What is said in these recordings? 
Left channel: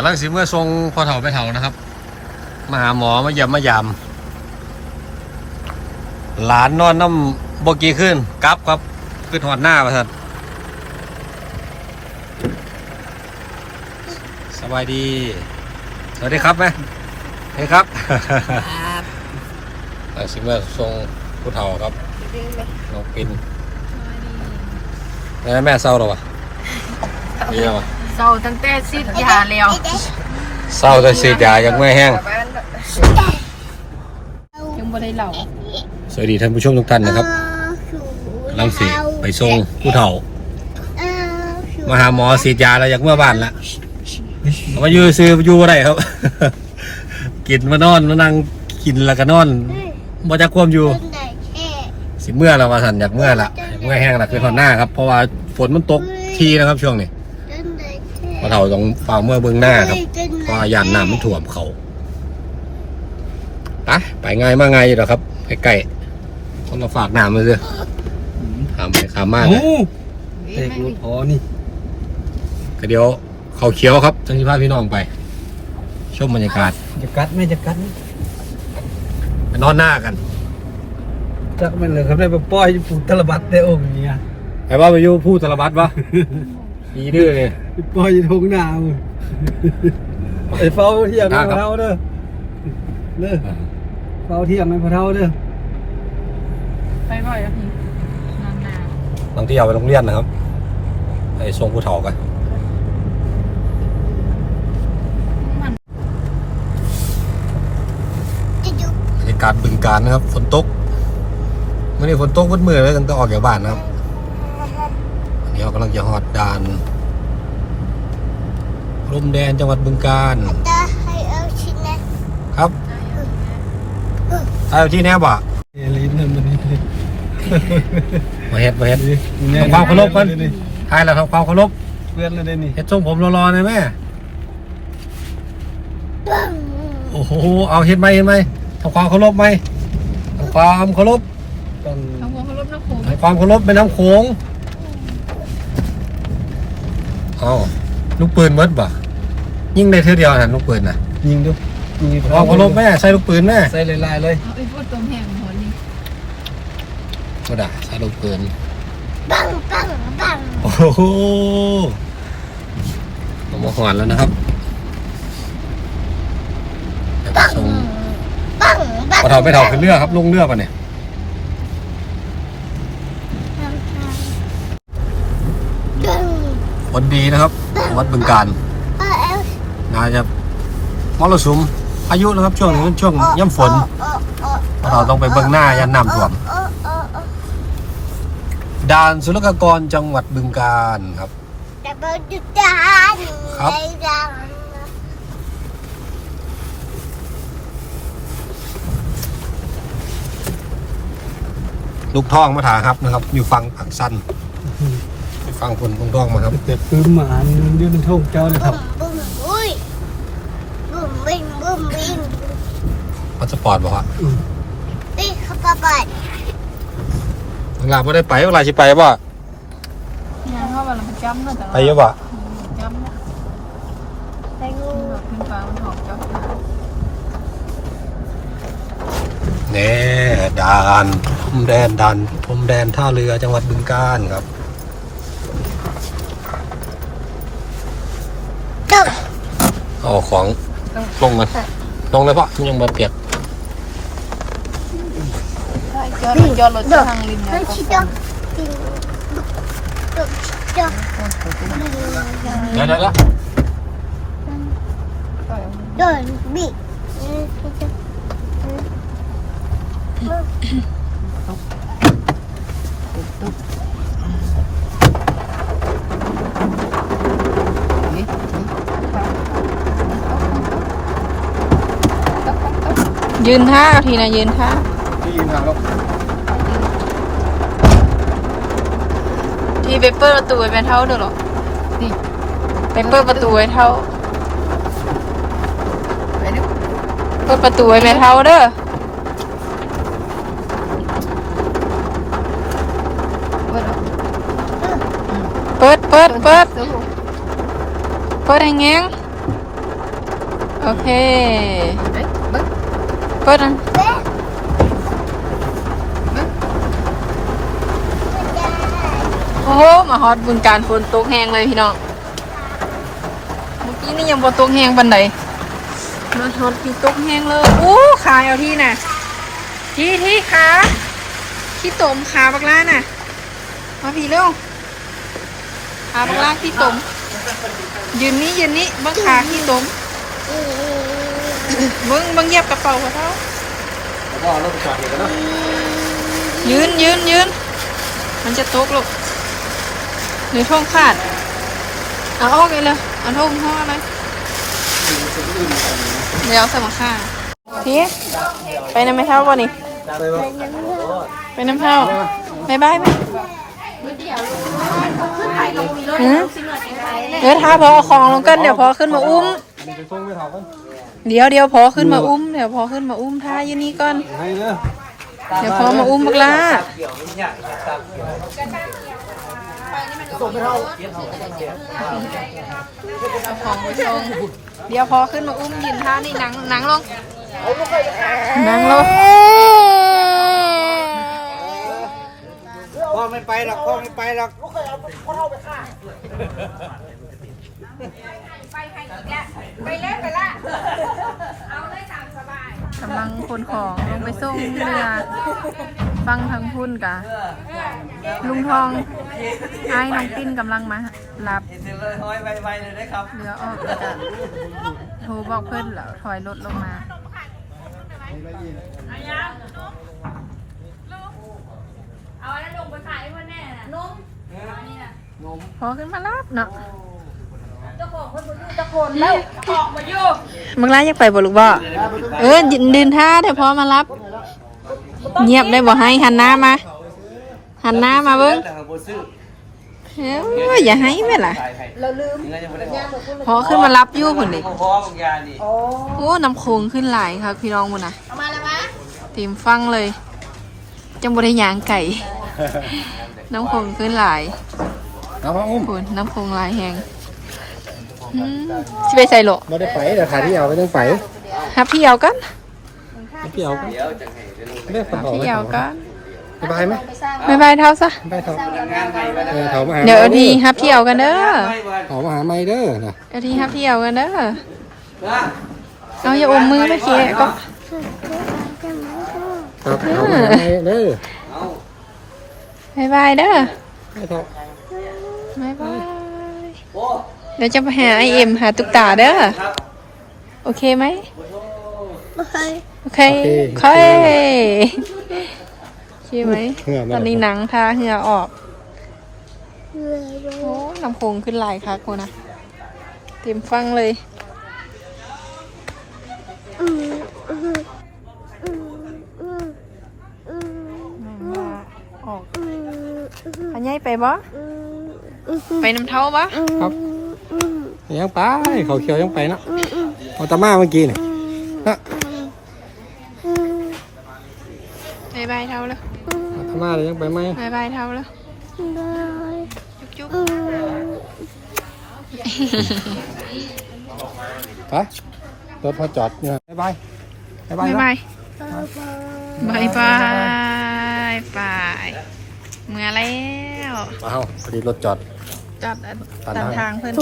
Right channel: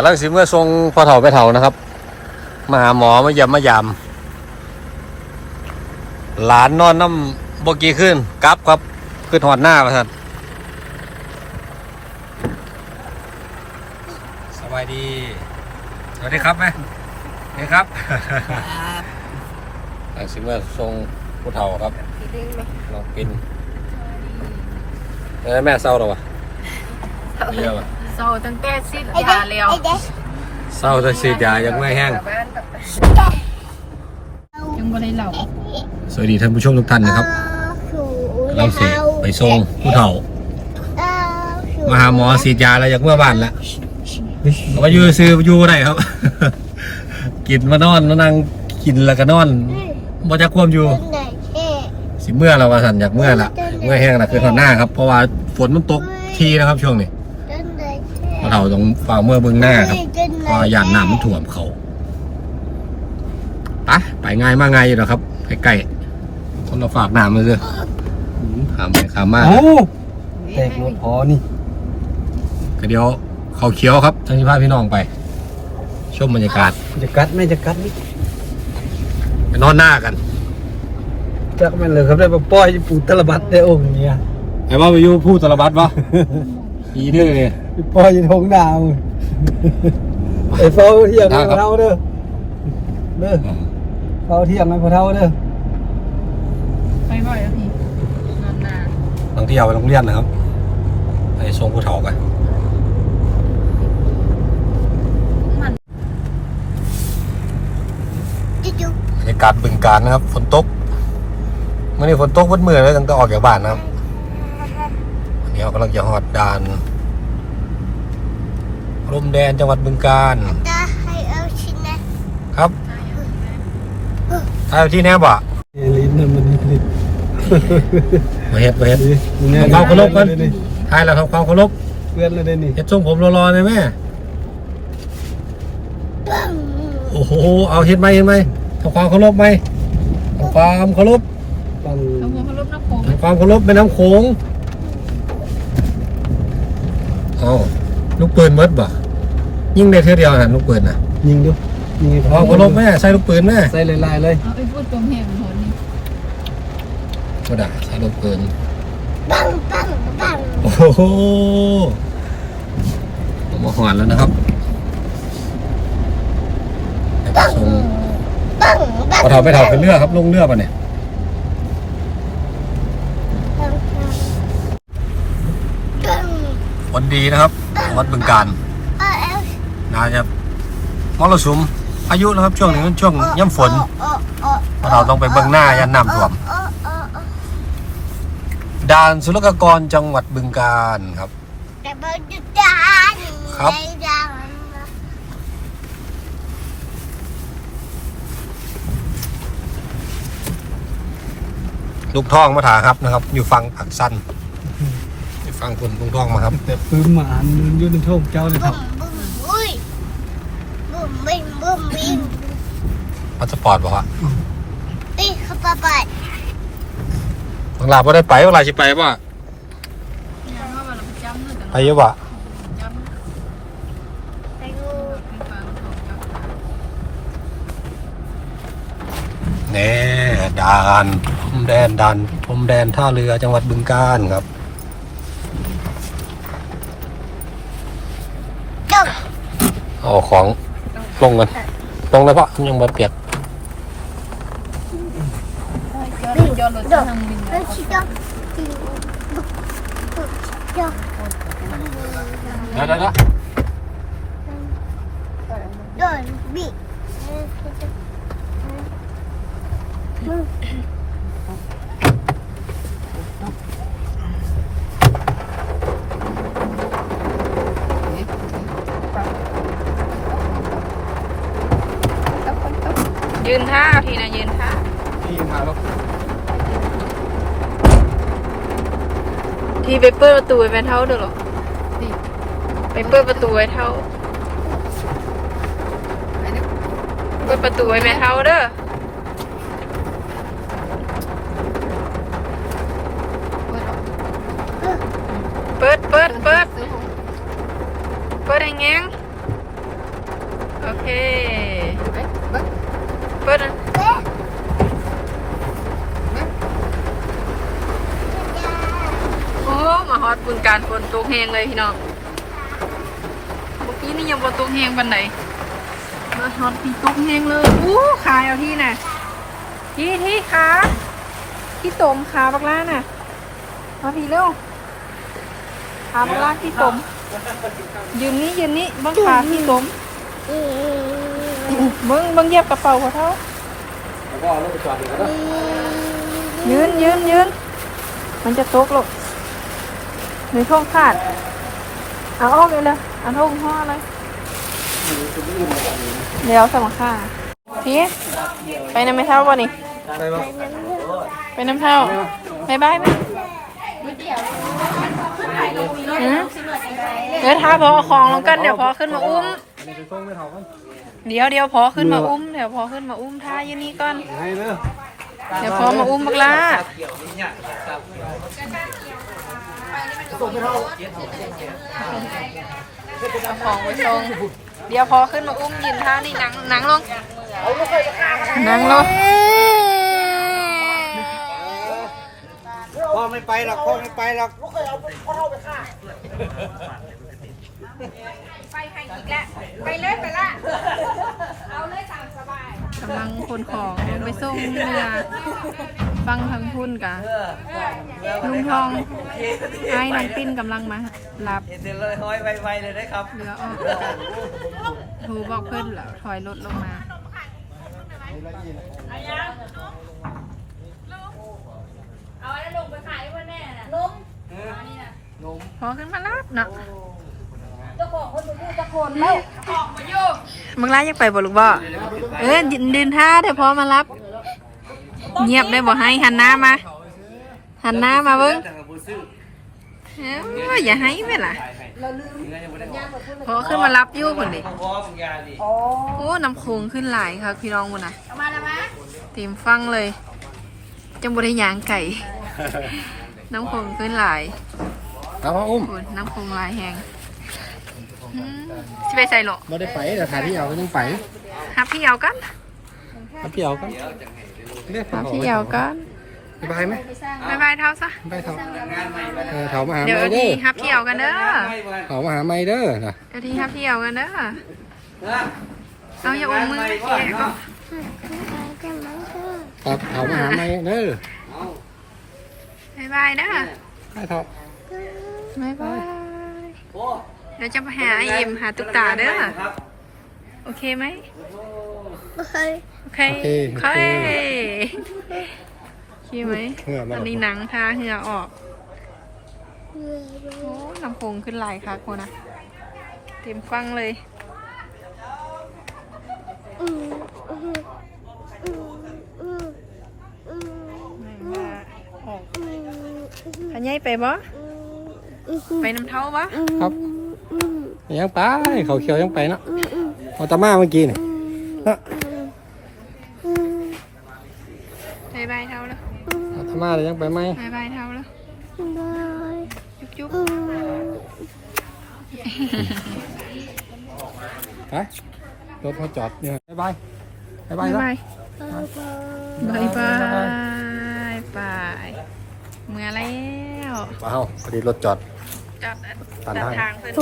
ำลังสิเมื่อทรงพอเฒ่าไปเฒ่านะครับ มาหาหมอมาเยี่ยมมายาม หลานนอนน้ำบกีขึ้นกลับครับขึ้นหอดหน้าประทัดสบายดี สวัสดีครับแม่สวัสดีครับกำลังสิเมื่อทรงผู้เฒ่าครับน้องปินแล้วแม่เศร้าหรอวะ เรียวะเศร้าตั้งแต่สิทยาแล้วเศร้าแต่สีดยายังไม่แห้ง ยังบ่ได้เหล่าสวัสดีท่านผู้ชมทุกท่านนะครับกำลังสิไปส่งผู้เฒ่า มาหาหมอสีดยาแล้วอยากเมื่อบ้านละก็มาอยู่ซื้ออยู่บ่ได้ครับ กินมานอนมานั่งกินแล้วก็นอนบ่จะควมอยู่ สิเมื่อเราว่าสันอยากเมื่อละเมื่อแห้งละคือทอนหน้าครับเพราะว่าฝนมันตกทีนะครับช่วงนี้ผู้ เฒ่าต้องฝ่าเมื่อเบื้องหน้าครับเพราะว่าย่านน้ำมันท่วมเขาไปไปง่ายมากง่ายอยู่หรอกครับใกล้ๆคนมาฝากน้ำมาซื้อขามไปขามมาโอ้แตกรถพอนี่ก็เดี๋ยวเขาเขียวครับทั้งที่พาพี่น้องไป ชมบรรยากาศจะกัดไม่จะกัดนี่ไปนอนหน้ากันจักแม่นเลยครับได้มาป้อยปูตลบัดได้องค์เนี่ยไอ้ว่าไปอยู่พูดตลบัดปะอีเด้อเนี่ยไปป้อยอยินทงหนาวไอ้เฝ้าเที่ยงได้ครับพอเท่าเด้อเด้อเฝ้าเที่ยงให้พอเท่าเด้อไปบ่อยอะพี่นอนนาบางที่เอาไปโรงเรียนนะครับไปส่งผู้เฒ่ากันเหตุการณ์บึงการนะครับ ฝนตกเมื่อนี้ฝนตกวัดมือเลยตั้งแต่ออกจากบ้านนะครับวันนี้เรากำลังจะหอดด่าน ลมแดนจังหวัดบึงการครับถ่ายเอาที่แนบอะเอลินนั่นมันมาเฮ็ดมาเฮ็ดทำความเคารพกันถ่ายแล้วทำความเคารพเพื่อนเลยเด้นี่เฮ็ดทรงผมรอๆหนะแม่โอ้โห เอาเฮ็ดไหมเฮ็ดไหมทำความเคารพไหมทำความเคารพต้องทำหัวเขาลบน้ำโขงทำความเคารพเป็นน้ำโขงเอาลูกปืนเมดบ่ ยิงได้เท่าเดียวนะลูกปืนน่ะยิงดูยิงทำความเคารพแม่ใส่ลูกปืนแม่ใส่ลายๆเลยเอาไอ้พูดตรงเห็นหัวนี่ก็ได้ใส่ลูกปืนปังปังปังโอ้โหผมมาหอนแล้วนะครับเดี๋ยวไปส่งปังปังพอเถาไปเถาขึ้นเรือครับลงเรือป่ะเนี่ยปังวันดีนะครับวัดบึงการเออเอ ลน่าจะมรสุมพายุนะครับช่วงนี้เป็นช่วงย่ำฝนเออเออพอเราต้องไปเบื้องหน้ายันน้ำท่วมเออเออเออด่านศุลกากรจังหวัดบึงการครับแต่เบอร์จุดจ้าครับลูกท่องมาถาครับนะครับ อยู่ฟังผักสั้นอยู่ฟังคนลูกท่องมาครับแต่ปืนหมาอันอยืนในท้องเจ้าเลยครับ บุ้มอุ้ยบุ้มบิงบุ้มบิง พาสปอร์ตบอกว่าตีขับปะปัดบางลาไม่ได้ไปบางลาสิไปบ่ยังว่ามันไปจำนะแต่ไปเยอะบ่จำนะไปดูขึ้นฟ้าของเจ้าแน่ด่านพรมแดนด่านพรมแดนท่าเรือจังหวัดบึงการครับตึ๊กเอาของลงกันลงเลยพ่อยังมาเปียก ยอดรถยอดรถจะทางริมให้นะชิดอกติงตุ๊กชิดอกเดี๋ยวเดี๋ยวเดินบิยืนท่าทีนะยืนท่านี่มาแล้วทีไปเปิดประตูไว้เป็นเท่าเด้อหรอ นี่ไปเปิดประตูไว้เท่า เปิดประตูไว้เป็นเท่าเด้อเปิดเปิดเปิดเปิดให้แงงโอเค เปิดอันโอ้โห มาฮอตบุญการฝนตกแห้งเลยพี่น้อง เมื่อกี้นี่ยังบ่ตกแห้งปันไหนมาฮอตพี่ตกแห้งเลย อู้ขายเอาที่น่ะ ที่ที่ขาที่ตมขาบักล่าน่ะ มาพี่เร็วขาบักล่าที่ตม ยืนนี้ยืนนี้บังขาที่ตมเบังเบังเยียบกระเป๋าเขาเท่ายืนยืนยืน มันจะตกลูก ในท่องขาด เอาออกเลยเลยเอาท่งห่ออะไรเดี๋ยวสมัครค่าพี่ไปน้ำไม่เท่าป่ะนี่ ไปน้ำเท่าบายบายไหมเดี๋ยวท้าพอของลงกันเดี๋ยวพอขึ้นมาอุ้ม เดี๋ยวเดี๋ยวพอขึ้นมาอุ้มเดี๋ยวพอขึ้นมาอุ้มท่ายู่นี่ก่อนเด้อเดี๋ยวพอมาอุ้มบักลา เอาของไปชงเดี๋ยวพอขึ้นมาอุ้มยืนท่านี่หนังหนังลงหนังลงพ่อไม่ไปหรอกพ่อไม่ไปหรอกกำลังคนของลงไปส่งเรือฟังทางพุ่นกะ ลุงทองไอ้น้องปิ้นกำลังมารับเสร็จเลยห้อยไวๆเลยนะครับเรือออกแล้วก็โทรบอกเพื่อนแล้วถอยรถลงมาพอขึ้นมารับเนาะมึงร้านอยากไปบ่ลูกบ่เออยืนดินท่าเดี๋ยวพอมารับ เงียบได้บ่ให้หันหน้ามา หันหน้ามาเบิ้งเอ้ยอย่าให้แม่ล่ะพอขึ้นมารับอยู่คนนี้พ่อบางยาดิโอ้น้ำโขงขึ้นหลายครับพี่น้องมุนนะตีมฟังเลยจังบริยางไก่ น้ำโขงขึ้นหลายเอามาอุ้มคุณน้ำโขงหลายแหงอืมสิไปใส่โหลไม่ได้ไปแต่ถ่ายที่เอาไม่ต้องไปฮับพี่เอากันให้พี่เอากันเรื่องฮับพี่เอากัน สบายไหมบายบายเท่าซะได้เถาเออเถามาหาเดี๋ยวไม่เอาทีฮับพี่เอากันเด้อเถามาหาไม่เด้อนะเอาทีฮับพี่เอากันเด้อเอาอย่าอมมือไม่เคียก็ครับเถามาหาไม่เด้อบายบายเด้อได้เถาบายบายเดี๋ยวจะไปหาไอเอ็มหาตุ๊กตาเด้อโอเคไหมโอเคโอเค ใช่ไหมตอนนี้หนังทาเหงื่อออกโอ้ลำโพงขึ้นหลายค่ะคุณนะเต็มฟังเลยแม่งว่าออกอันใหญ่ไปบ่ไปน้ำเท้าบ่ครับยังไปเขาเขียวยังไปเนาะเอาตามาเมื่อกี้นี่นะ บายบายเท้าแล้ว เอาตา มาเลยยังไปไหมบายบายเท้าแล้วจุ๊บจุ๊บฮะรถพอจอดเนี่ยบายบายบาบายยบาบายยบายบายเมื่อแล้วเอาพอดีรถจอดจับตัดตามทางทางเพื่อน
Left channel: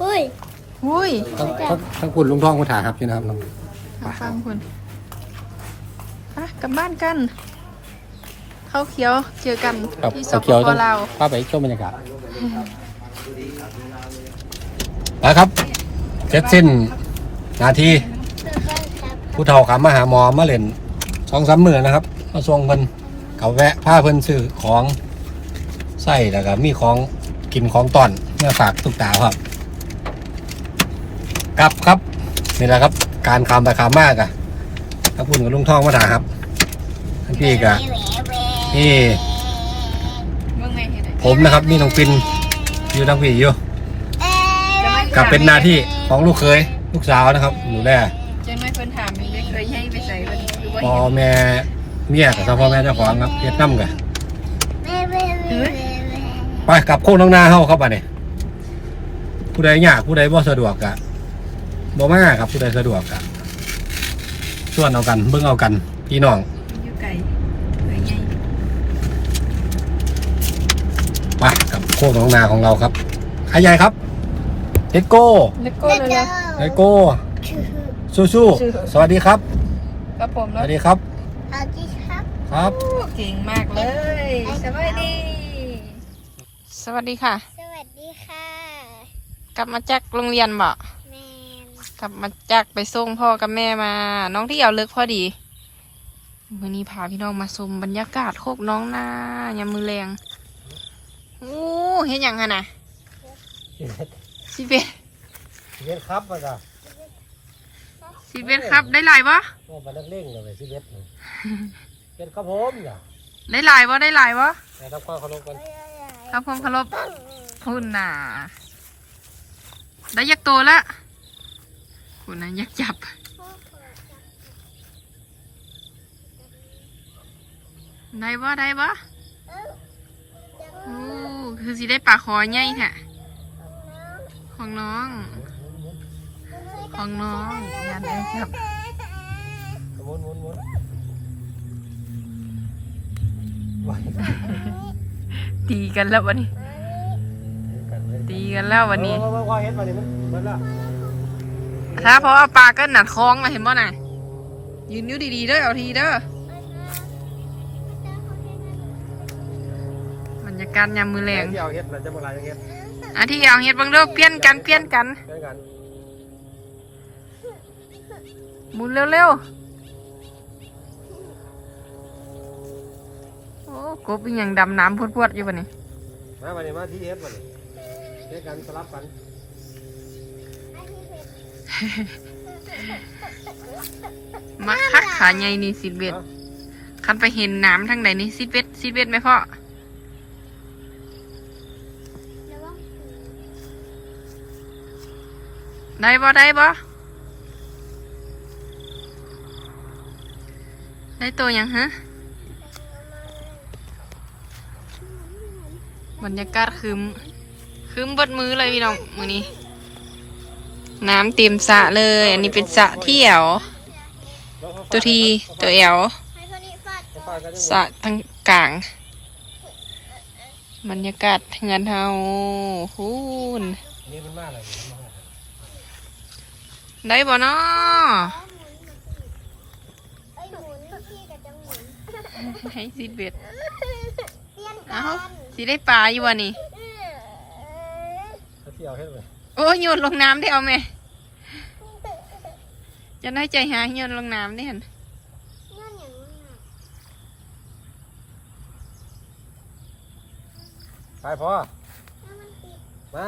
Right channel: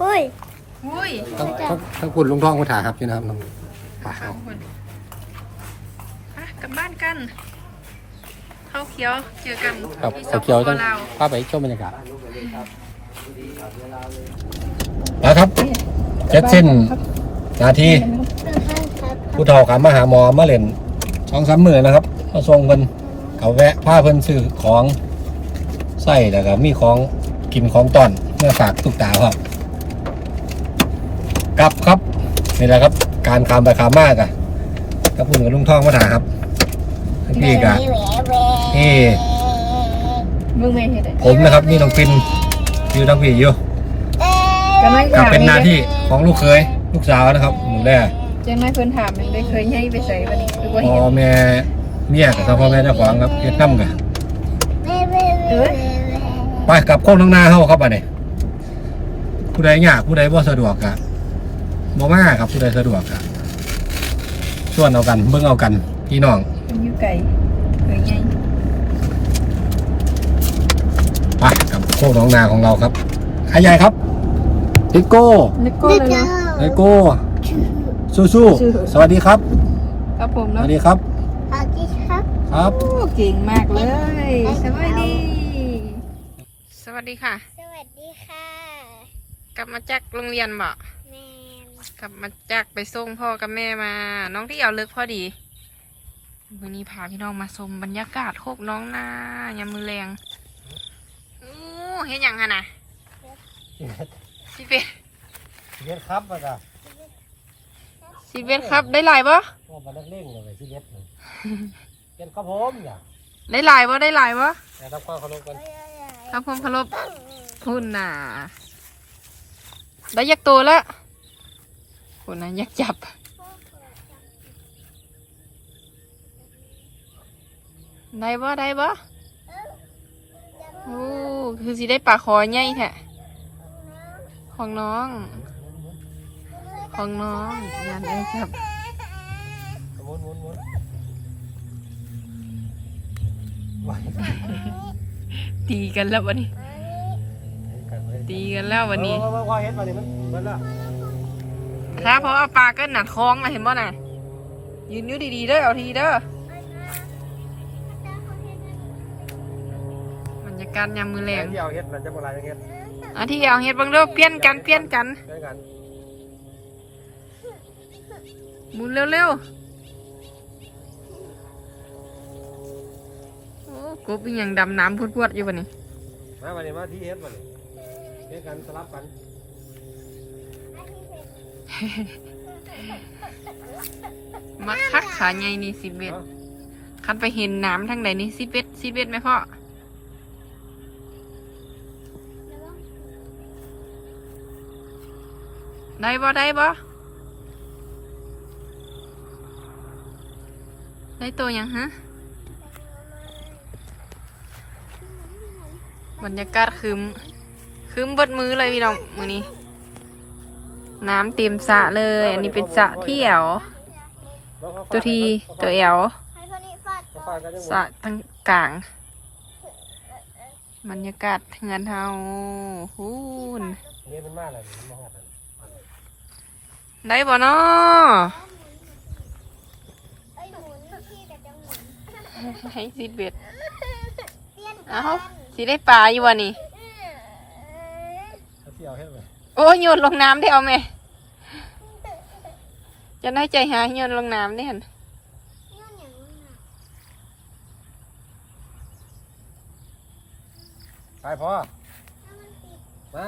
เฮ้ยอุ้ยทั้งทั้งทั้งคุณลุงทองคุณถาครับนี่นะครับน้องตามทางเพื่อนอะกลับบ้านกันเข้าเขียวเจอกันครับที่สเขาปเขียวปต้องลาวพาไปชมบรรยากาศนะครับเจ็ดสิ้นนาทีผู้เฒ่าขามาหาหมอมาเล่นสองสามมือนะครับ มาส่งเพิ่นเขาแวะพาเพิ่นซื้อของใส่แล้วก็มีของกินของตอนเมื่อฝากตุกตาครับกลับครับนี่แหละครับ การคามไปคามมากอะถ้าพูดกับลุงท่องมาถามครับทั้งพี่กะ นี่ เบิ่งแม่เห็นเลยผมนะครับนี่น้องปินอยู่ทั้งพี่อยู่จะไม่กับเป็นหน้าที่ของลูกเคยลูกสาวนะครับหนูแรจะไม่เพิ่นถามเลยเคยให้ไปใส่กันบ่พ่อเห็นแม่เมียกับพ่อแม่เจ้าของครับเฮ็ดน้ำกันเอ้ยไปกลับโค้งทั้งหน้าเฮาครับอันนี้ผู้ใดยากผู้ใดบ่สะดวกกะบ่มาครับผู้ใดสะดวกครับส่วนเอากันเบิ่งเอากันพี่น้องเป็นยูไก่ไก่ไง ไปกับโคกหน้องนาของเราครับขายใหญ่ครับเจโก้เลโก้เลยนะเจโก้สู้สู้ๆสวัสดีครับ ครับผมสแล้ววัสดีครับสวัสดีครับ ครับโอ้เก่งมากเลยสวัสดี สวัสดีค่ะ สวัสดีค่ะ กลับมาจากโรงเรียนบ่แมนกลับมาจากไปส่งพ่อกับแม่มา น้องที่เอาเลิกพอดีวันนี้พาพี่น้องมาชมบรรยากาศโคกน้องนายามมือแรงโอ้เห็นยังฮะนะสิเบสสิเวทครับมาจ้ะสิเบสครับได้หลายบ่ว่ามานักเล่งเลยสิเวทเป็นครับผมจ้ะได้หลายบ่ได้หลายบ่แต่ทำความเคารพกันทำความเคารพคุณน่ะได้ยักโตแล้วคุณน่ะยักจับได้บ่ได้บ่ โอ้คือสิได้ปลาคอใหญ่แท้ของน้อง ของน้องงานได้ครับหมุนหมุนหมุนตีกันแล้ววันนี้ ตีกันแล้ววันนี้ครับเพราะว่าปลาก็หนัดคล้องนะเห็นบ่น่ะยืนอยู่ดีๆเด้อเอาทีเด้อ กาศยามมือแรงที่เอาเห็ดเราจะโบราณเห็ดอาที่เอาเฮ็ดเบังเด้อเปลี่ยนกันเปลี่ยนกันด้วยกันหมุนเร็วๆโอ้กบอีหยังดำน้ำพวดๆอยู่บ่นี่มามาเนี่ยมาที่เห็ดมาเนี่ยเห็ดกันสลับกันมาคักขาใหญ่นี่สิเบ็ดคันไปเห็นน้ำทางไหนนี่สิเบ็ดสิเบ็ดไหมพ่อ ได้บ่ได้บ่ได้ตัวยังฮะ บรรยากาศคืมคืมบดมือเลยพี่น้องมือนี้ น้ำเต็มสระเลย อันนี้เป็นสระเที่ยว ตัวทีตัวแอวสระทั้งกลาง บรรยากาศเงินเฮาฮูนนี่นมากเลยมัน ได้บ่เนาะไอ้หมุนพี่กับจังหมุนให้สิเบ็ดเปลี่ยนเอ้าสิได้ปลาอยู่วะนี่ที่เอาเห็ดเลยโอ้ยโยนลงน้ำได้เอาไหมจะได้ใจหายโยนลงน้ำได้หันย้อนอย่างนู้นน่ะไปพอแล้วมันติดมา